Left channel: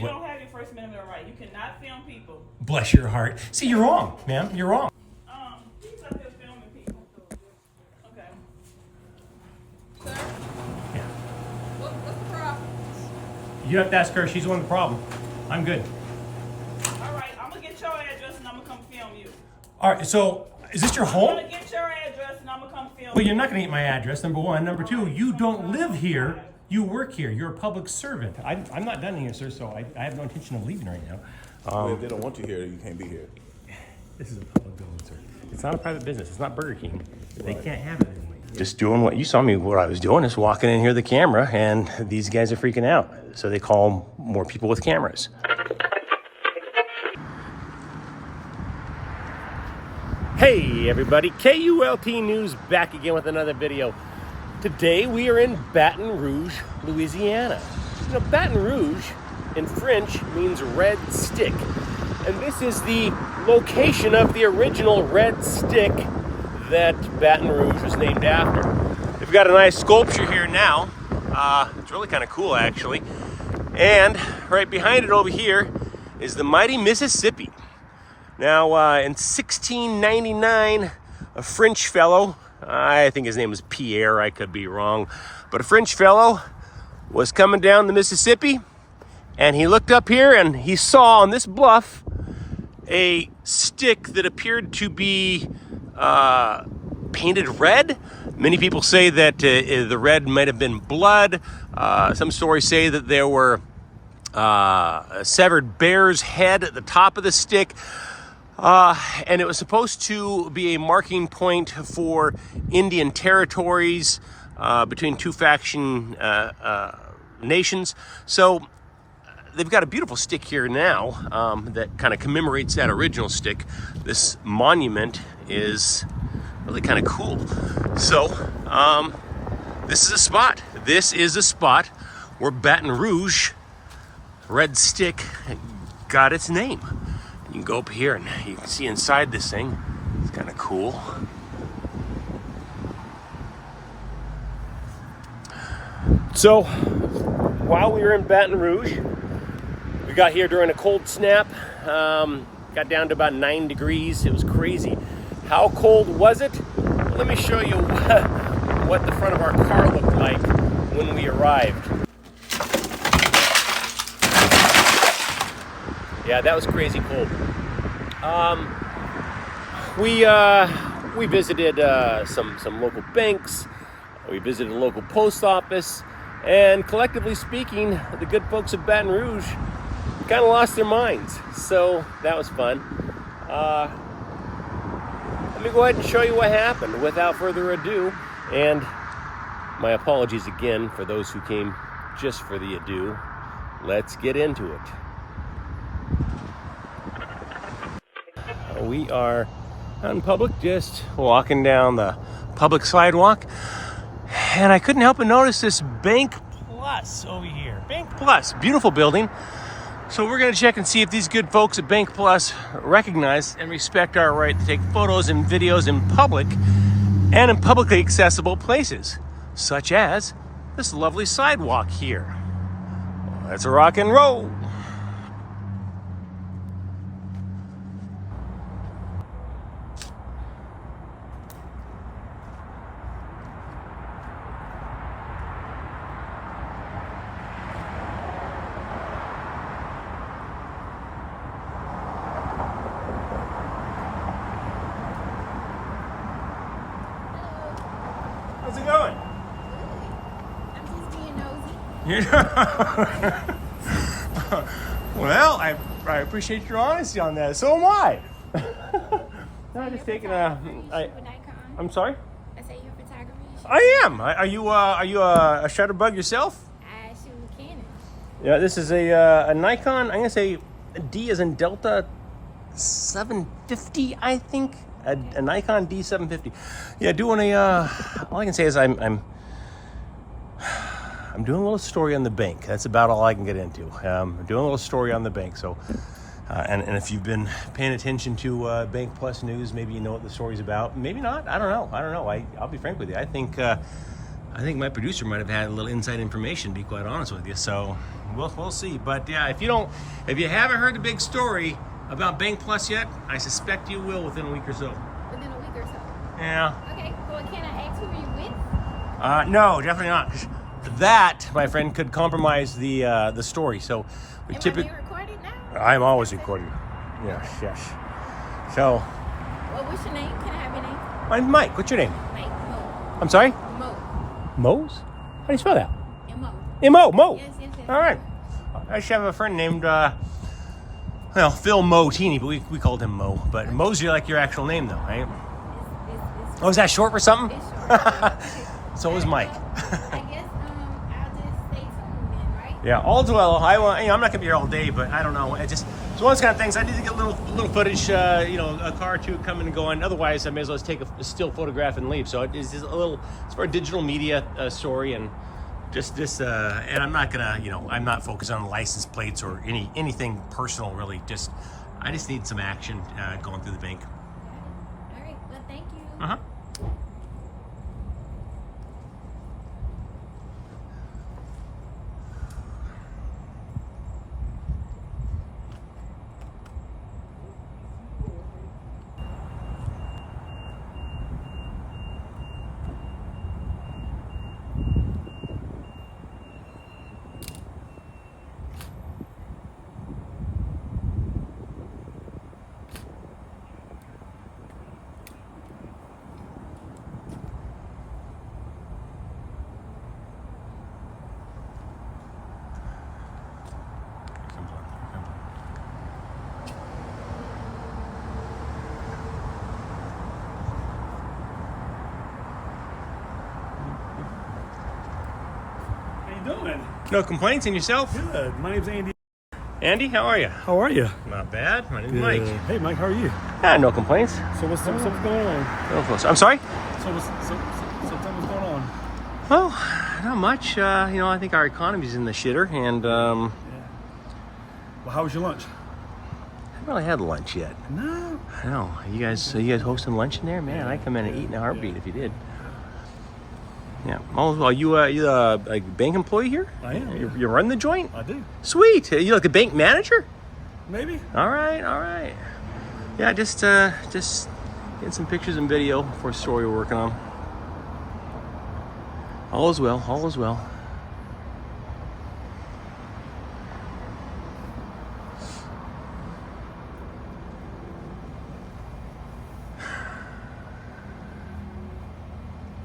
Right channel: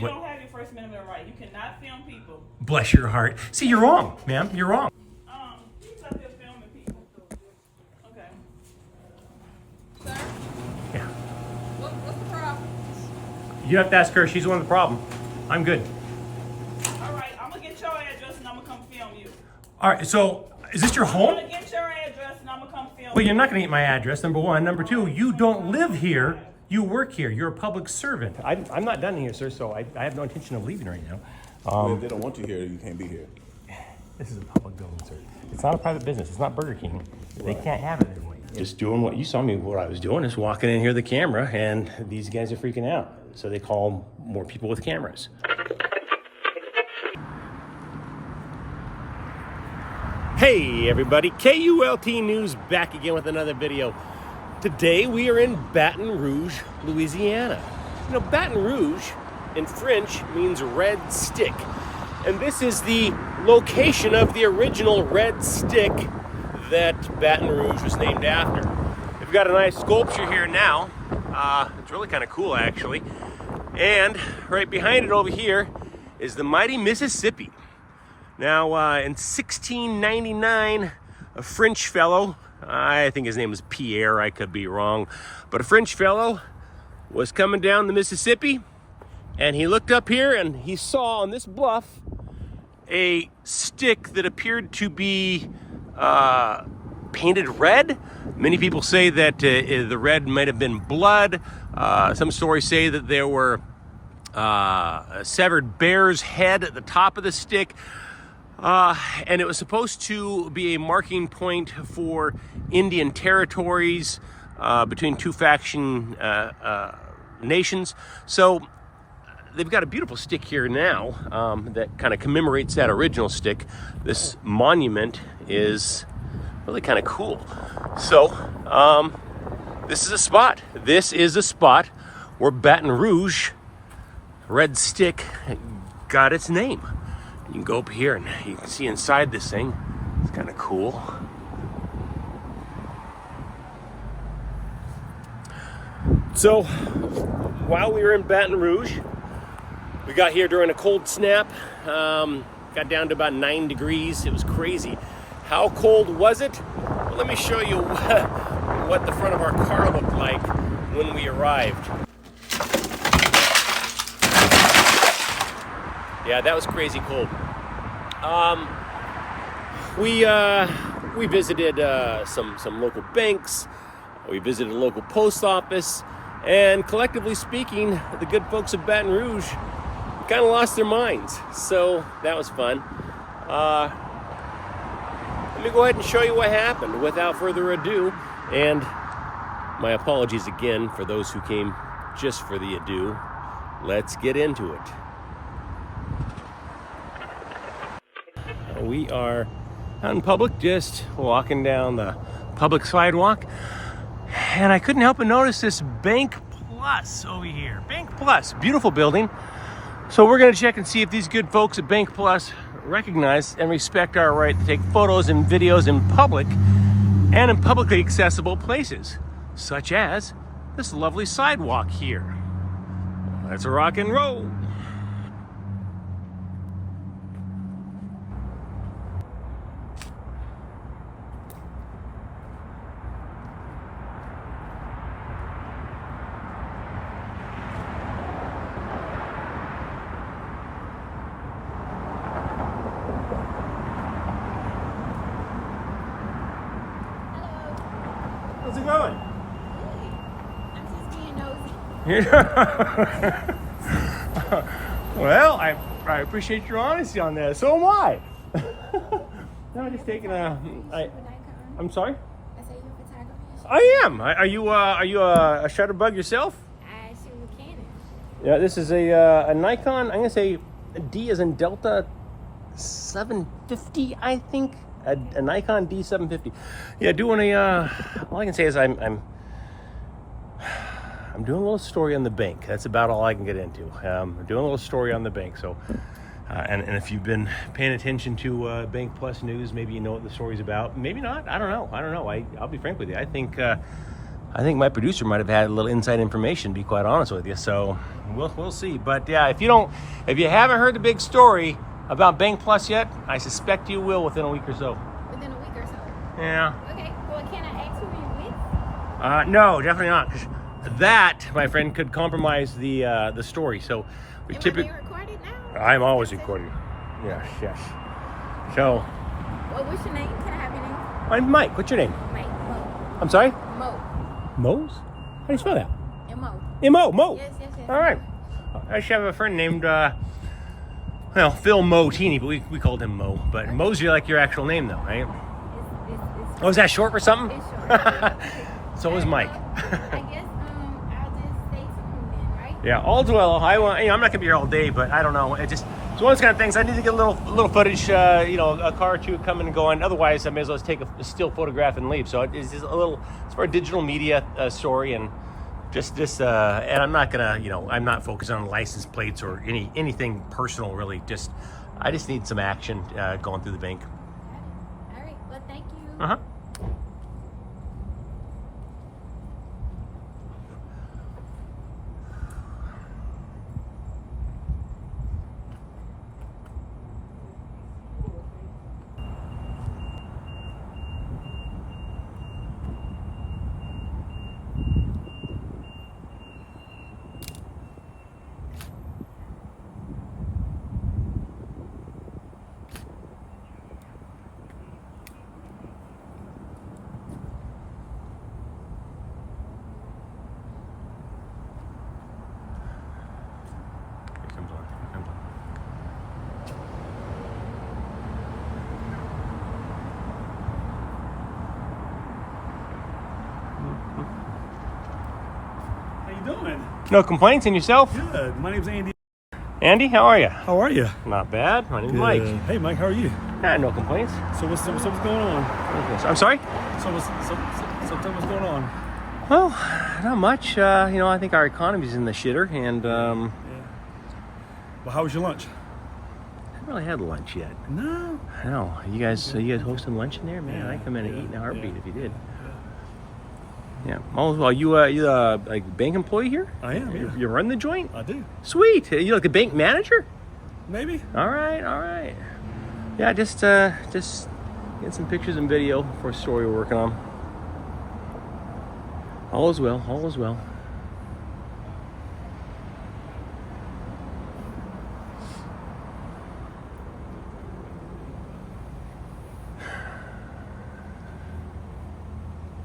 You don't have your First Amendment right. You cannot film people. Bless your heart. See, you're wrong, ma'am. You're wrong. He's up here filming people. Okay. Sir? Yeah. What's the problem? You have to ask her. She's the one with the problem. I'm good. All right, I'm gonna get your address and I'm gonna come film you. All right. So, is this your I'm home? gonna get your address and I'm gonna come film But you. you're not going to get my address. Number one. Number two. You don't live here. You work here. You're a public servant. I'm not done here, sir. So I have no intention of leaving right now. Well, if they don't want you here, you can't be here. This is a public building, sir. It's not a private business. It's not Burger King. They can't have it anyway. Just doing what you saw me, what I was doing is walking in here, the camera, and these guys are freaking out. So they call more people with cameras. Hey everybody, KULT News back again with another video. Today we are in Baton Rouge, Louisiana. You know, Baton Rouge in French means red stick. And this is the location of the original red stick that Baton Rouge was named after. We've got a nice sculpture here now. It's really kind of cool actually. And right behind it over here is the mighty Mississippi. Now in 1699, a French fellow, I think his name was Pierre, I could be wrong, but a French fellow was coming down the Mississippi and he looked up here and he saw on this bluff a stick that appeared to be painted red. Many people say that the red might have been blood. Some stories say that there were a severed bear's head at the top of the stick. And it was supposed to be a marking point for Indian territories between two faction nations. So they've got a beautiful stick here now that kind of commemorates that original stick. This monument is really kind of cool. So this is a spot. This is a spot where Baton Rouge red stick got its name. You can go up here and you can see inside this thing. It's kind of cool. So, while we were in Baton Rouge, we got here during a cold snap. Got down to about 9 degrees. It was crazy. How cold was it? Well, let me show you what the front of our car looked like when we arrived. Yeah, that was crazy cold. We visited some local banks. We visited a local post office, and collectively speaking, the good folks of Baton Rouge kind of lost their minds. So that was fun. Let me go ahead and show you what happened without further ado. And my apologies again for those who came just for the ado. Let's get into it. We are out in public, just walking down the public sidewalk, and I couldn't help but notice this Bank Plus over here. Bank Plus, beautiful building. So we're going to check and see if these good folks at Bank Plus recognize and respect our right to take photos and videos in public and in publicly accessible places, such as this lovely sidewalk here. Well, let's rock and roll. How's it going? I'm just being nosy. Well, I appreciate your honesty on that. So am I. I'm just taking a. I'm sorry. I say you're a photographer. I am. Are you a shutter bug yourself? I shoot with Canon. Yeah. This is a Nikon. I'm gonna say a D as in Delta 750. I think a Nikon D750. Yeah. Doing a. All I can say is I'm doing a little story on the bank. That's about all I can get into. I'm doing a little story on the bank. So, and if you've been paying attention to Bank Plus news, maybe you know what the story's about. Maybe not. I don't know. I'll be frank with you. I think I think my producer might have had a little inside information, to be quite honest with you. So we'll see. But yeah, if you haven't heard the big story about Bank Plus yet, I suspect you will within a week or so. Within a week or so. Yeah. Okay. Well, can I ask who are you with? No, definitely not. 'Cause that, my friend, could compromise the story. So we Am I being recorded now? I'm always recording. Yes, yes. So. Well, what's your name? Can I have your name? I'm Mike. What's your name? Mike. Mo. I'm sorry? Mo. Mo's? How do you spell that? M-O. M-O, Mo. Yes, yes, yes. All right. I used to have a friend named, Phil Motini, but we called him Mo. But okay. Mo's like your actual name, though, right? It's oh, is that short for something? It's short. So is Mike. Well, I guess I'll just stay tuned then, right? Yeah, all too well. I'm not gonna be here all day, but I don't know. It's just it's one of those kind of things. I need to get a little footage, a car or two coming and going. Otherwise, I may as well just take a still photograph and leave. So it's just it's for a digital media story, and just and I'm not gonna, I'm not focused on license plates or anything personal really. I just need some action going through the bank. All right. Well, thank you. Uh-huh. Doing? No complaints, and yourself? Good. My name's Andy. Andy, how are you? How are you? Not bad. My name's Good. Mike. Hey, Mike. How are you? Yeah, no complaints. So what's going on? I'm sorry? So tell me what's going on? Well, not much. I think our economy's in the shitter, and Yeah. Well, how was your lunch? I haven't really had lunch yet. No. No. You guys hosting lunch in there? Man, I'd come in and eat in a heartbeat if you did. Yeah. Oh, well, you a bank employee here? I am. Yeah. You run the joint? I do. Sweet. You like a bank manager? Maybe. All right. Yeah, just get some pictures and video for a story we're working on. All is well.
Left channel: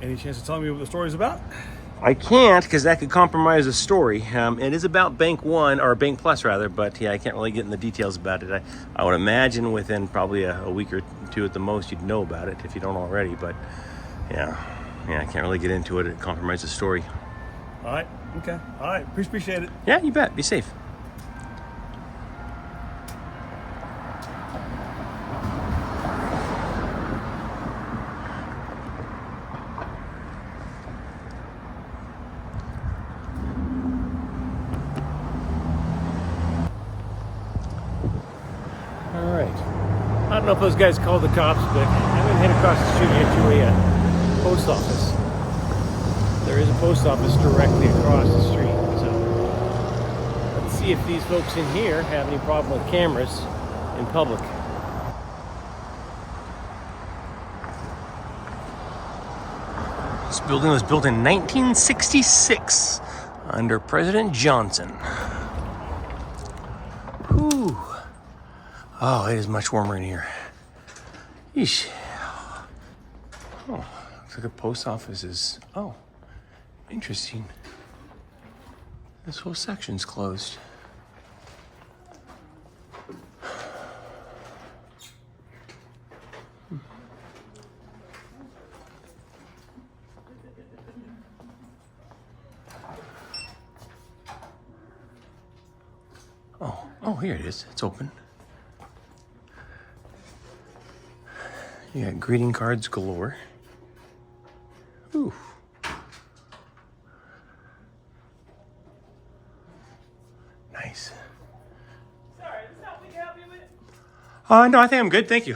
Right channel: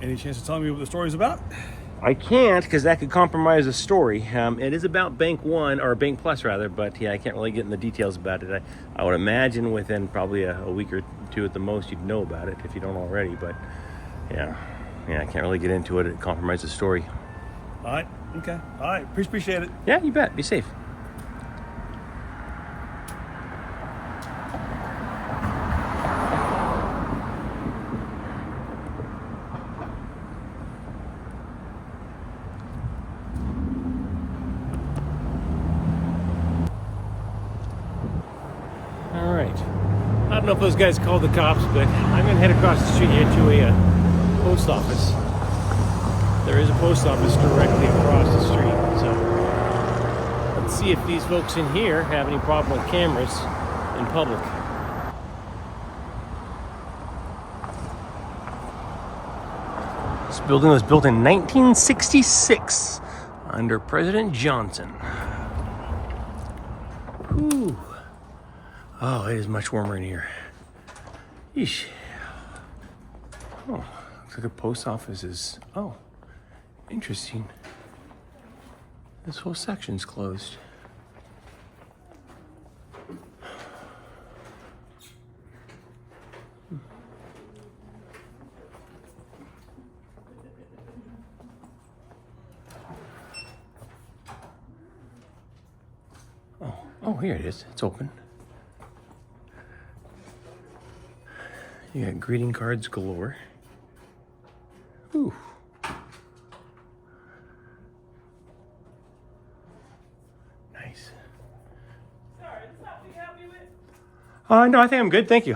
Any chance of telling me what the story's about? I can't, because that could compromise the story. It is about Bank One, or Bank Plus rather, but yeah, I can't really get in the details about it. I would imagine within probably a week or two at the most, you'd know about it if you don't already. But yeah, I can't really get into it. It compromises the story. All right. Okay. All right. Appreciate it. Yeah, you bet. Be safe. All right. I don't know if those guys called the cops, but I'm gonna head across the street here to a post office. There is a post office directly across the street, so let's see if these folks in here have any problem with cameras in public. This building was built in 1966 under President Johnson. Whew. Oh, it is much warmer in here. Yeesh. Oh, looks like a post office is, interesting. This whole section's closed. Oh, here it is. It's open. You got greeting cards galore. Ooh. Nice. Sorry, is this something you can help me with? No, I think I'm good. Thank you.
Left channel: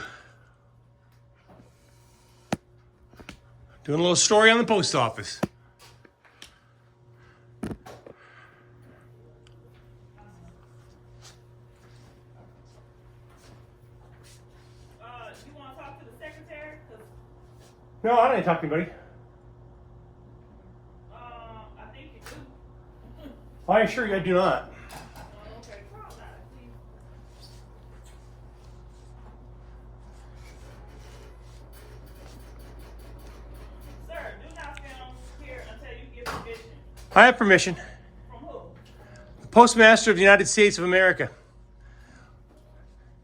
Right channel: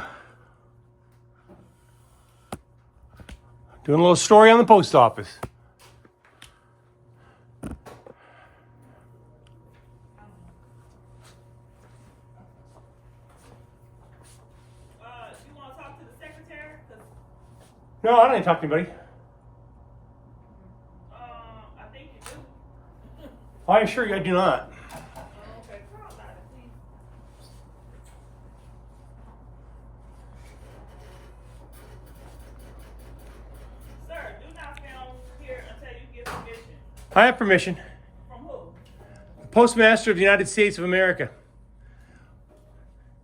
Doing a little story on the post office. No, I don't need to talk to anybody. I think you do. I assure you I do not. Okay, call out, please. Sir, do not film here until you give permission. I have permission. From who? The Postmaster of the United States of America.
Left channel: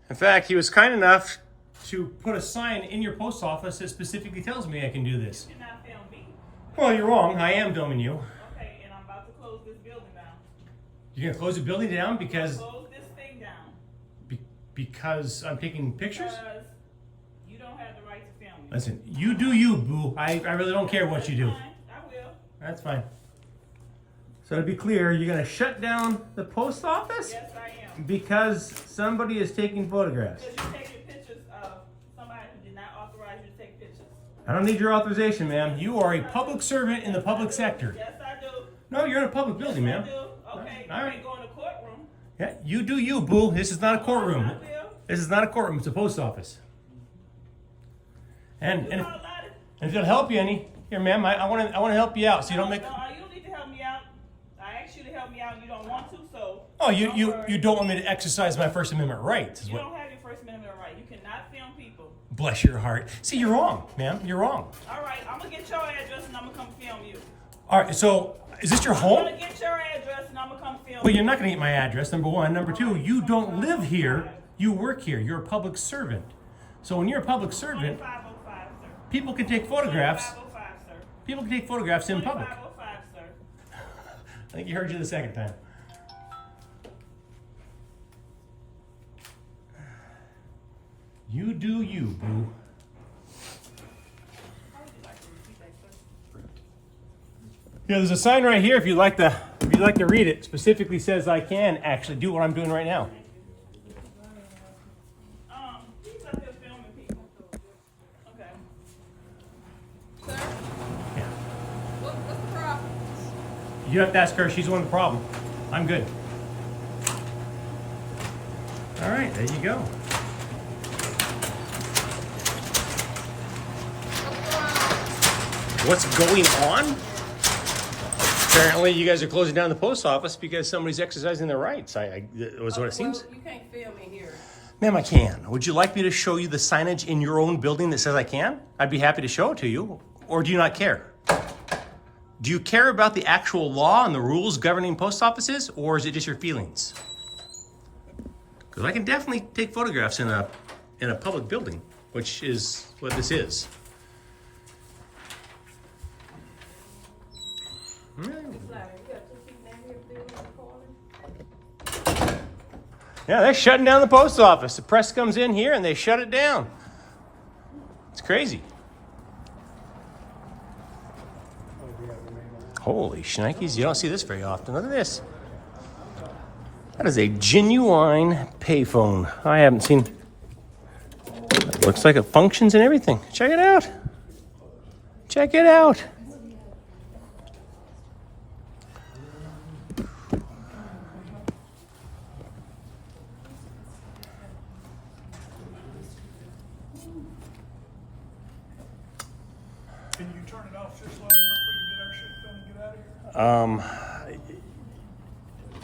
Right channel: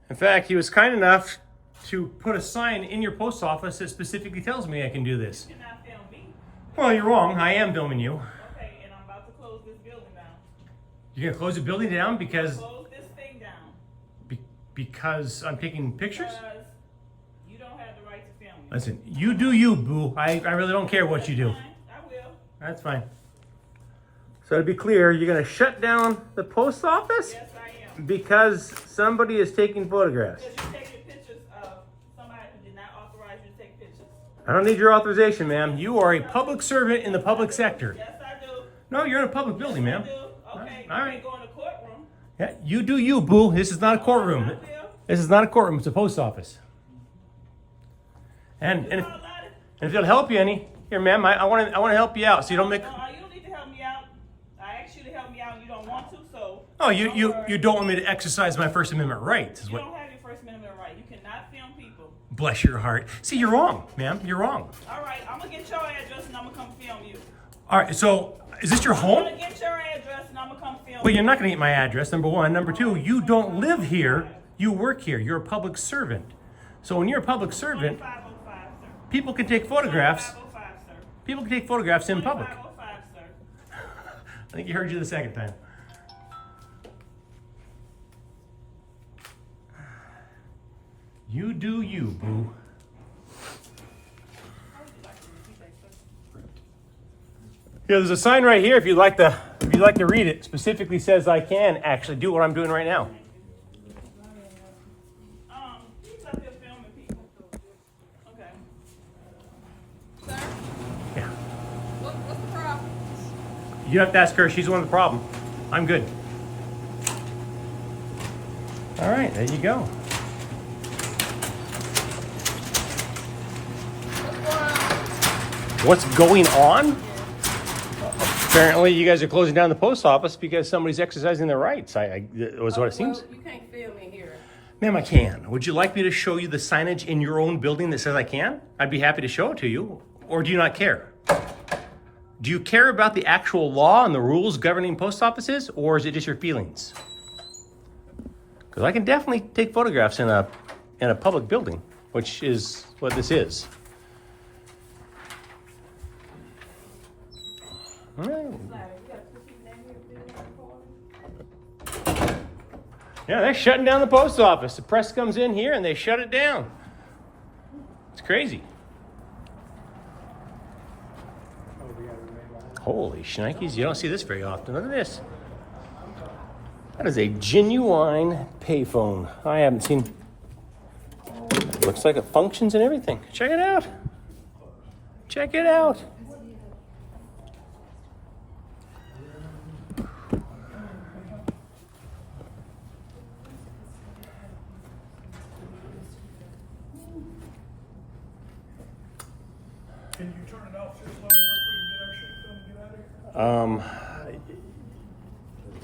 In fact, he was kind enough to put a sign in your post office that specifically tells me I can do this. You cannot film me. Well, you're wrong. I am filming you. Okay, and I'm about to close this building down. You're gonna close the building down because Close this thing down. because I'm taking pictures? Because you don't have the right to film me. Listen, you do you, boo. I really don't care what you do. That's fine. I will. That's fine. So to be clear, you're gonna shut down the post office Yes, I am. because somebody is taking photographs. Because you're taking pictures of somebody who did not authorize you to take pictures. I don't need your authorization, ma'am. You are a public servant in the public sector. Yes, I do. No, you're in a public building, Yes, ma'am. I do. Okay, All you right. ain't going to courtroom. Yeah, you do you, boo. This is not a courtroom. I will. This is not a courtroom. It's a post office. And You if, all allowed it? if it'll help you any, here, ma'am, I want to help you out so you don't make. No, you don't need to help me out. I asked you to help me out and you don't want to, so. Oh, you worry. don't want me to exercise my First Amendment rights. Is You what? don't have your First Amendment right. You cannot film people. Bless your heart. See, you're wrong, ma'am. You're wrong. All right, I'm gonna get your address and I'm gonna come film you. All right. So, is this your I'm home? gonna get your address and I'm gonna come film But you. you're not going to get my address. Number one. Number two. You don't live here. You work here. You're a public servant. So when you're a public servant, 2505, sir. people can take photographs. 2505, sir. People can take photographs in public. 2505, sir. I think you heard you the second time. You do you, boo. How would you like to repeat that, sir? Yeah, there's a sign right here. If you'd like to read it, specifically says I can actually do what I'm doing right now. He's up here filming people. Okay. Sir, Yeah. What's the problem? You have to ask her. She's the one with the problem. I'm good. All right, there you go. What's going on? What's going on? Apparently, you guys are closing down the post office because somebody's exercising their rights. That was what it seems. Well, you can't film in here. Ma'am, I can. Would you like me to show you the signage in your own building that says I can? I'd be happy to show it to you. Or do you not care? Do you care about the actual law and the rules governing post offices, or is it just your feelings? Because I can definitely take photographs in a public building, which is what this is. All right. Yeah, they're shutting down the post office. The press comes in here and they shut it down. It's crazy. Holy shnikes, you don't see this very often. Look at this. That is a genuine payphone. I haven't seen. Looks like it functions and everything. Check it out. Check it out. Can you turn it off just long enough we can get our shit done and get out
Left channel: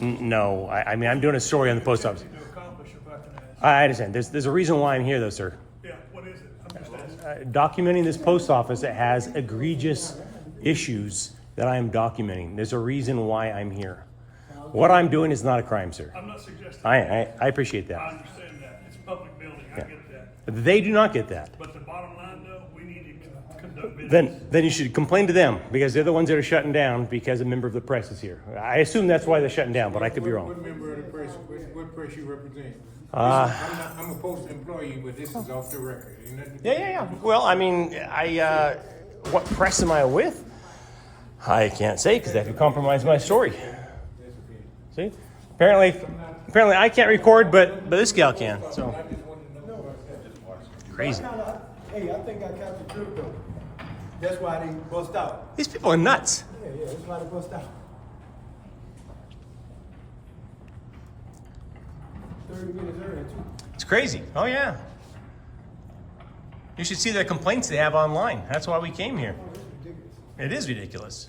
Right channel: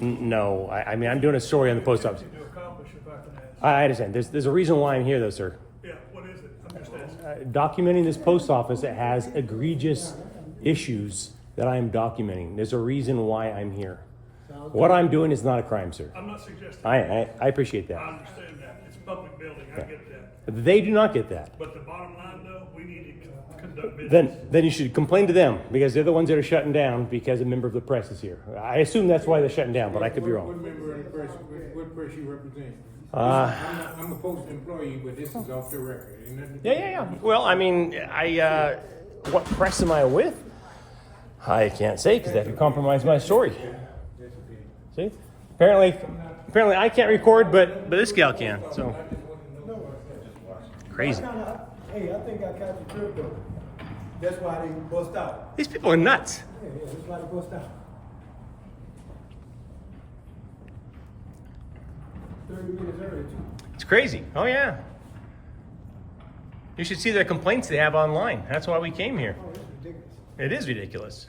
of here? No. I mean, I'm doing a story on the post office. To accomplish, if I can ask. I understand. There's a reason why I'm here, though, sir. Yeah, what is it? I'm just asking. Documenting this post office that has egregious issues that I am documenting. There's a reason why I'm here. What I'm doing is not a crime, sir. I'm not suggesting. I appreciate I that. understand that. It's a public building. I get that. They do not get that. But the bottom line, though, we need to conduct business. Then you should complain to them because they're the ones that are shutting down because a member of the press is here. I assume that's why they're shutting down, but I could be What wrong. member of the press, what press you represent? I'm a postal employee, but this is off the record. Ain't nothing to do- Yeah. Well, I mean, what press am I with? I can't say because that could compromise my story. That's okay. See? Apparently I can't record, but this gal can. So crazy. Hey, I think I caught the trip though. That's why they bust out. These people are nuts. Yeah, that's why they bust out. 30 minutes early too. It's crazy. Oh yeah. You should see the complaints they have online. That's why we came here. Oh, it's ridiculous. It is ridiculous.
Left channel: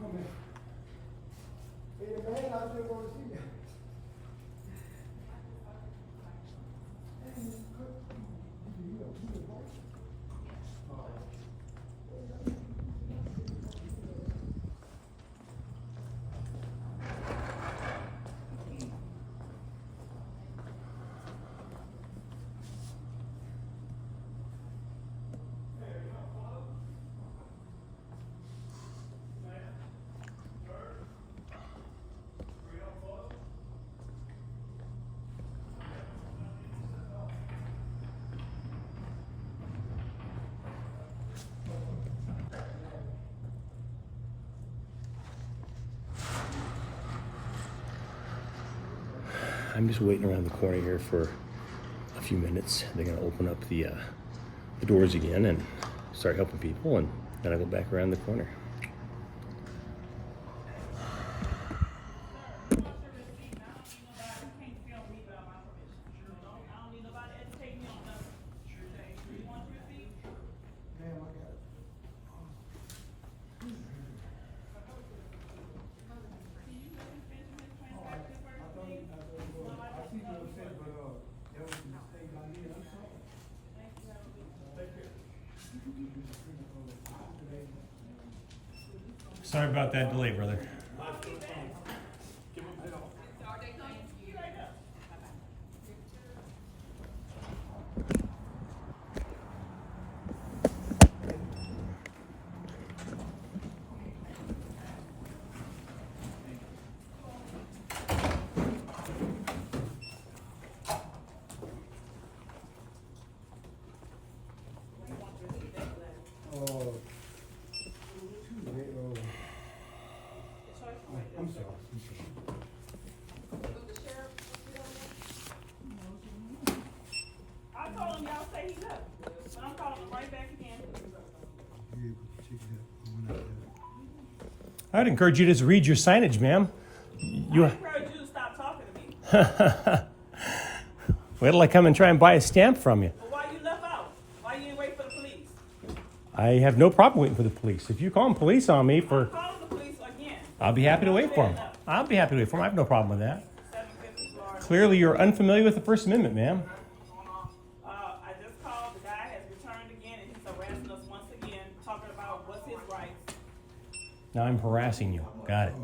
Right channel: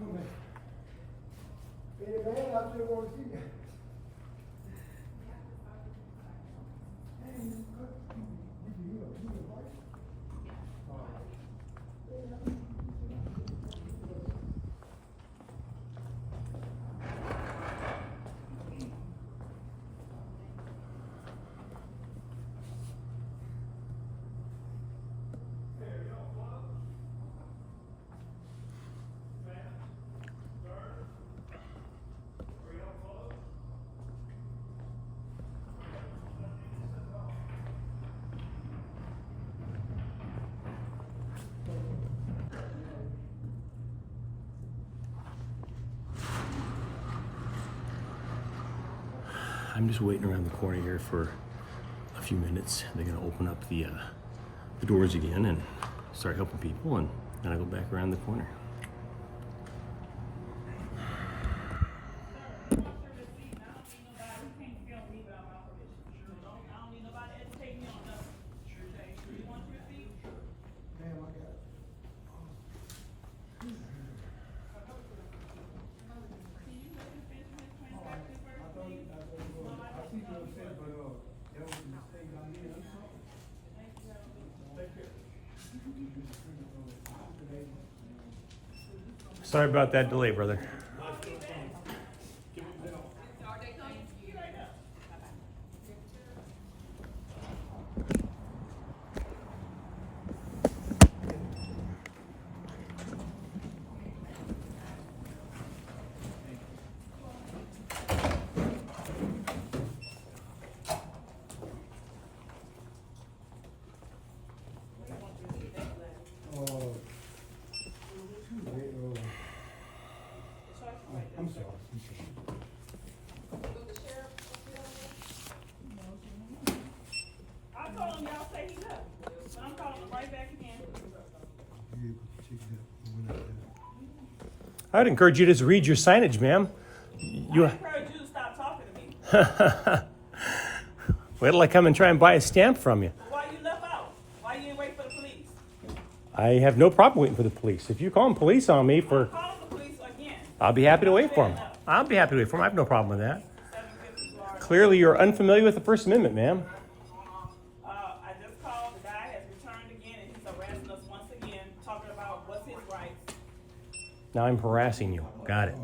Oh, man. Hey, man, I still want to see that. I'm just waiting around the corner here for a few minutes. They're gonna open up the doors again and start helping people, and then I go back around the corner. Ma'am, I got it. I see what you said, but, that was a mistake I made. I'm sorry. Take care. Sorry about that delay, brother. I'm sorry. I told him y'all say he left, but I'm calling him right back again. I'd encourage you to just read your signage, ma'am. I encourage you to stop talking to me. Wait till I come and try and buy a stamp from you. But why you left out? Why you didn't wait for the police? I have no problem waiting for the police. If you call them police on me for, I'm calling the police again. I'll be happy to wait for them. I'll be happy to wait for them. I have no problem with that. Clearly, you're unfamiliar with the First Amendment, ma'am. I just called. The guy has returned again, and he's harassing us once again, talking about what's his rights. Now I'm harassing you. Got it.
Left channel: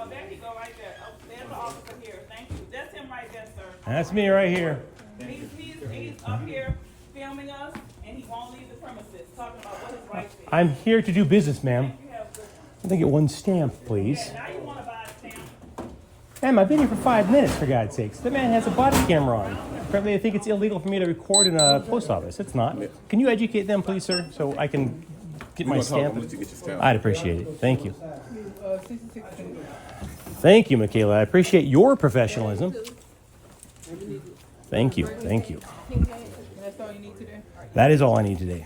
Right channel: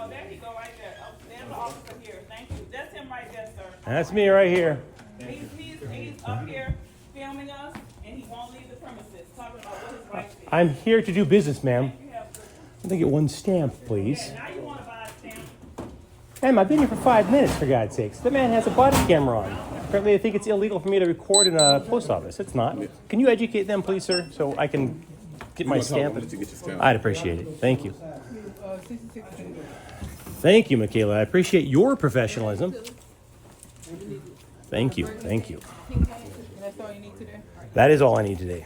Oh, there you go, right there. Oh, there's the officer here. Thank you. That's him right there, sir. That's me right here. He's up here filming us, and he won't leave the premises, talking about what his rights is. I'm here to do business, ma'am. You have good. I'd like to get one stamp, please. Okay, now you want to buy a stamp? Ma'am, I've been here for 5 minutes, for God's sakes. The man has a body camera on. Apparently, they think it's illegal for me to record in a post office. It's not. Can you educate them, please, sir, so I can get my stamp? Let you get your stamp. I'd appreciate it. Thank you. Thank you, Michaela. I appreciate your professionalism. Thank you. Thank you. That's all you need today? That is all I need today.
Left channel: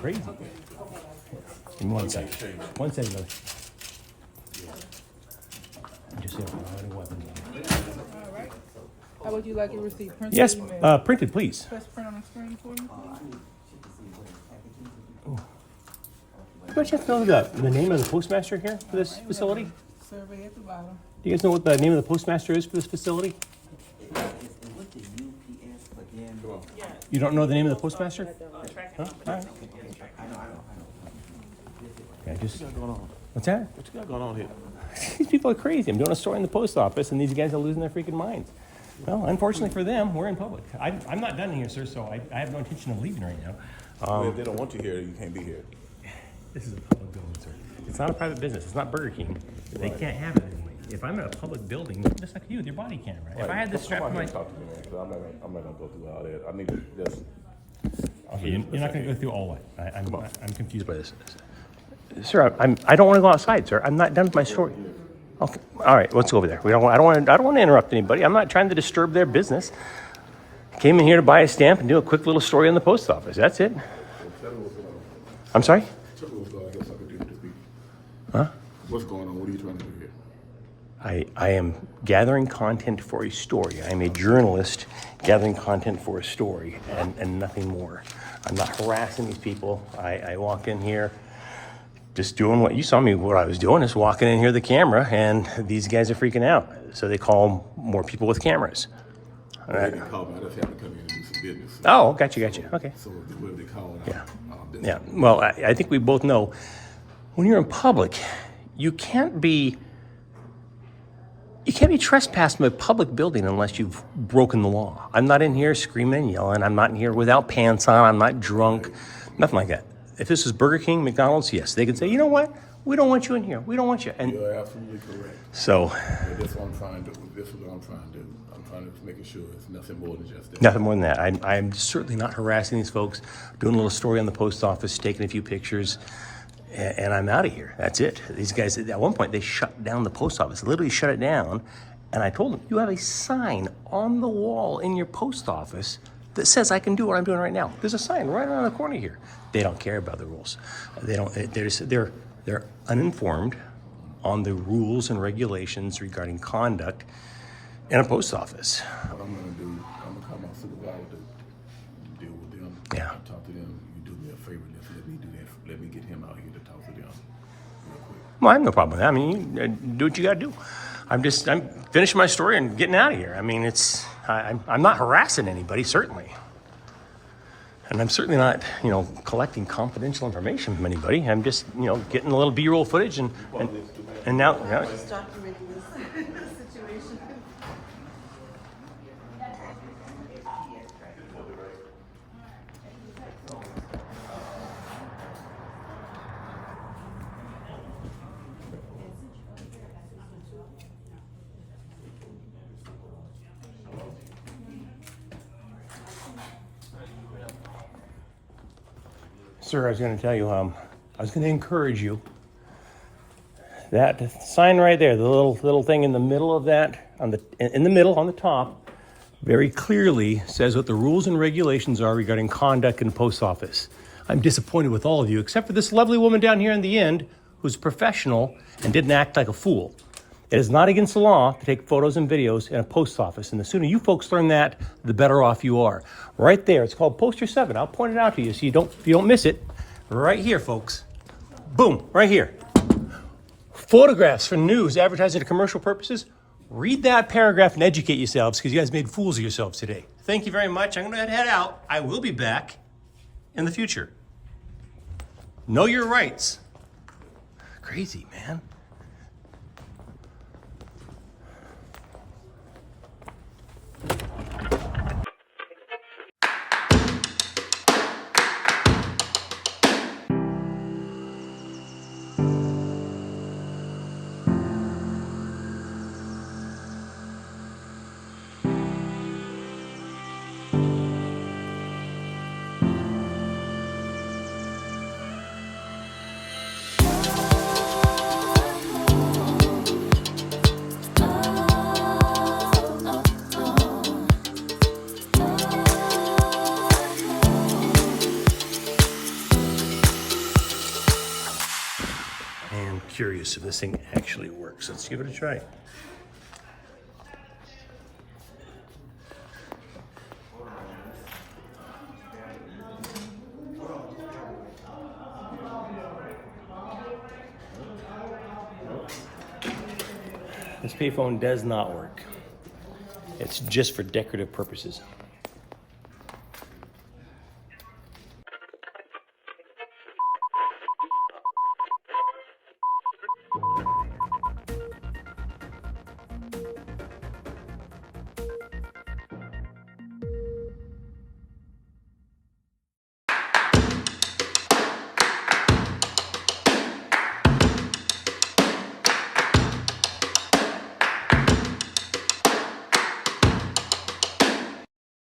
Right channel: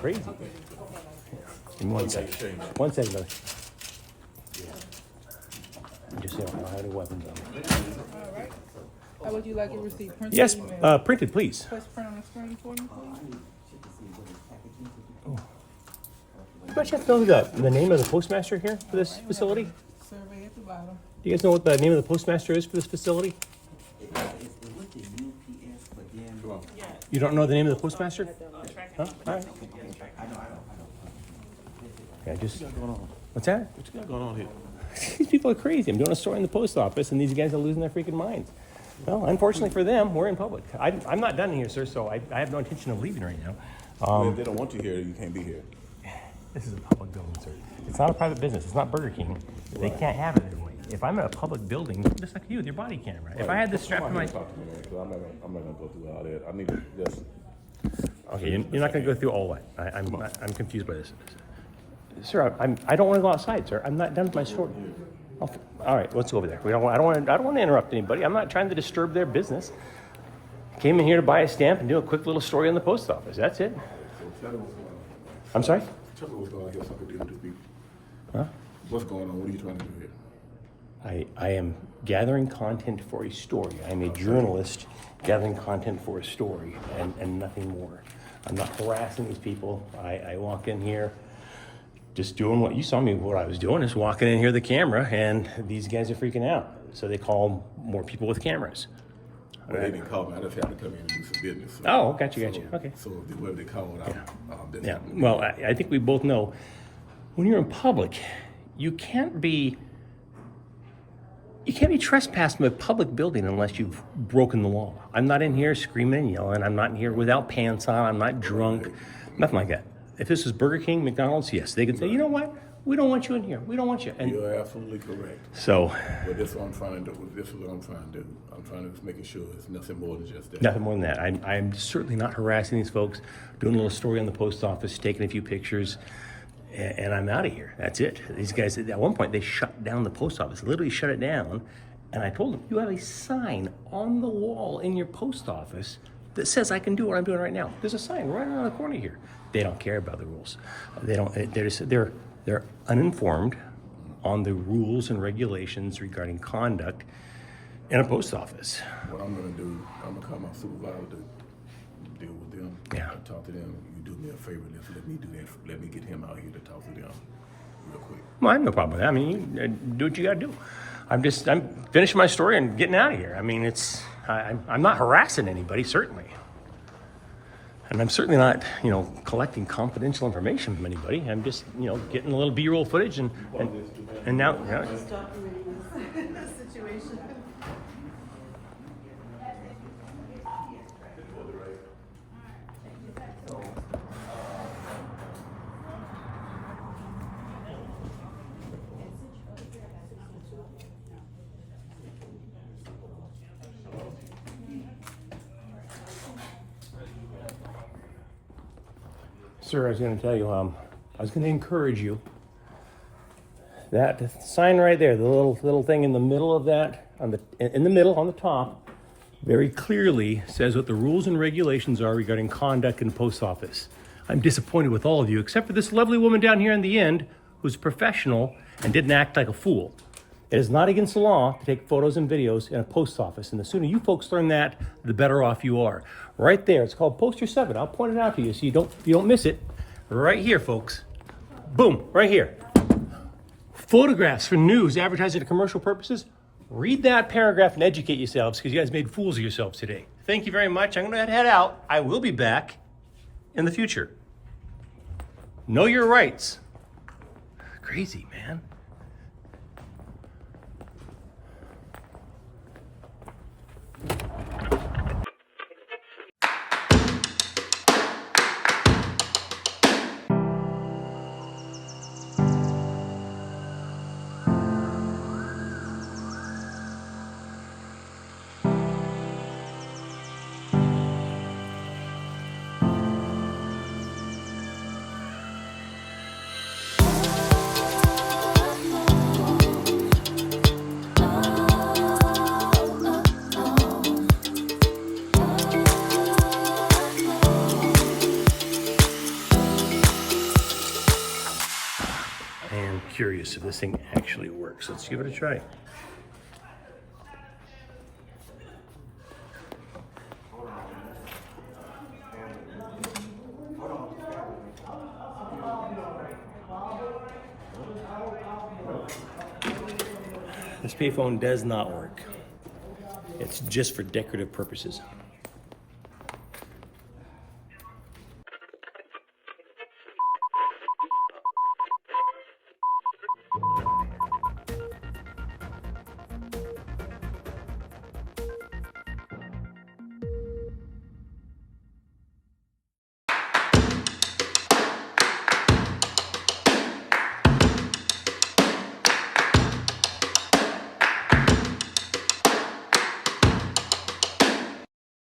Crazy. Give me 1 second. 1 second, brother. I just have any weapons. All right. How would you like your receipt? Printed Yes, or emailed? printed, please. Press print on the screen for me, please. Do you have to know the name of the postmaster here for this facility? Survey at the bottom. Do you guys know what the name of the postmaster is for this facility? You don't know the name of the postmaster? Huh? All right. Okay, just. What's going on? What's that? What you got going on here? These people are crazy. I'm doing a story in the post office, and these guys are losing their freaking minds. Well, unfortunately for them, we're in public. I'm not done here, sir, so I have no intention of leaving right now. Well, if they don't want you here, you can't be here. This is a public building, sir. It's not a private business. It's not Burger King. They can't have it anyway. If I'm in a public building, just like you with your body camera, if I had this strap to my... Talk to me, man, 'cause I'm not gonna go through all that. I need to just. Okay, you're not going to go through all that. I'm confused by this. Sir, I don't want to go outside, sir. I'm not done with my story. All right, let's go over there. I don't want to interrupt anybody. I'm not trying to disturb their business. Came in here to buy a stamp and do a quick little story on the post office. That's it. I'm sorry? Tell me what's going on here so I can deal with the people. Huh? What's going on? What are you trying to do here? I am gathering content for a story. I'm a journalist gathering content for a story and nothing more. I'm not harassing these people. I walked in here just doing what you saw me, what I was doing is walking in here with the camera, and these guys are freaking out. So they call more people with cameras. Well, they didn't call me. I just happened to come in and do some business. So, Oh, gotcha. Okay. So whoever they called, Yeah. Well, I think we both know when you're in public, you can't be trespassed in a public building unless you've broken the law. I'm not in here screaming and yelling. I'm not in here without pants on. I'm not drunk. Nothing like that. If this is Burger King, McDonald's, yes, they could say, you know what? We don't want you in here. We don't want you. And You're absolutely correct. so, But this is what I'm trying to do. This is what I'm trying to do. I'm trying to make sure it's nothing more than just that. nothing more than that. I'm certainly not harassing these folks, doing a little story on the post office, taking a few pictures, and I'm out of here. That's it. These guys, at one point, they shut down the post office, literally shut it down. And I told them, you have a sign on the wall in your post office that says I can do what I'm doing right now. There's a sign right around the corner here. They don't care about the rules. They don't. They're uninformed on the rules and regulations regarding conduct in a post office. What I'm going to do, I'm going to call my supervisor to deal with them. Yeah. I talk to them. You do me a favor. Let me do that. Let me get him out here to talk to them real quick. Well, I have no problem with that. I mean, do what you got to do. I'm finishing my story and getting out of here. I mean, I'm not harassing anybody, certainly. And I'm certainly not, collecting confidential information from anybody. I'm just, getting a little B-roll footage and now. Sir, I was going to tell you, I was going to encourage you. That sign right there, the little thing in the middle of that, in the middle, on the top, very clearly says what the rules and regulations are regarding conduct in the post office. I'm disappointed with all of you, except for this lovely woman down here in the end, who's professional and didn't act like a fool. It is not against the law to take photos and videos in a post office, and the sooner you folks learn that, the better off you are. Right there, it's called Poster 7. I'll point it out to you so you don't miss it. Right here, folks. Boom, right here. Photographs for news, advertising, and commercial purposes. Read that paragraph and educate yourselves, because you guys made fools of yourselves today. Thank you very much. I'm going to head out. I will be back in the future. Know your rights. Crazy, man. Curious if this thing actually works. Let's give it a try. This payphone does not work. It's just for decorative purposes.